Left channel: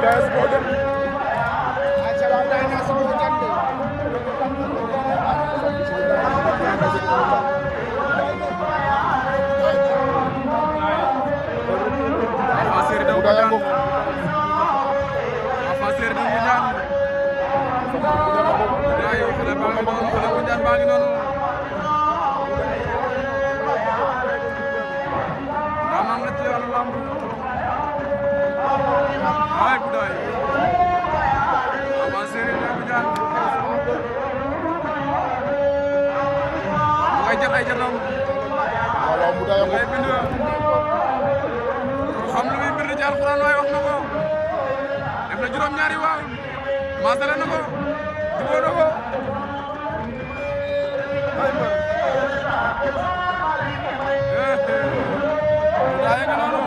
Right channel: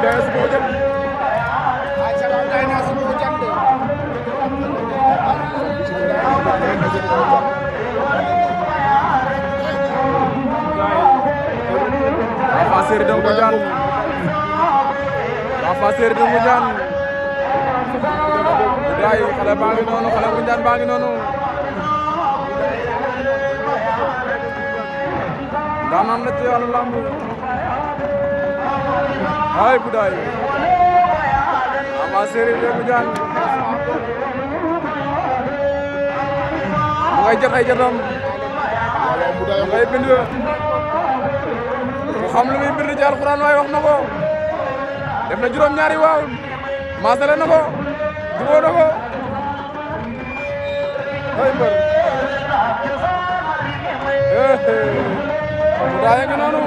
budaya si Bodian. Pasir dong hujan. Pasir dong hujan. Budaya kalau bangi nono, kalau hujan bangi nono. Danam neti ala lambu. Hai budaya. Pasir dong hujan. Mengajar dong. Mengajar pindu. xam lu muy bind ci alxuraan waaye wax na ko def na juróom-ñaari waaw maasale na ko jubóo na ko ay mbër budaya ngi noonu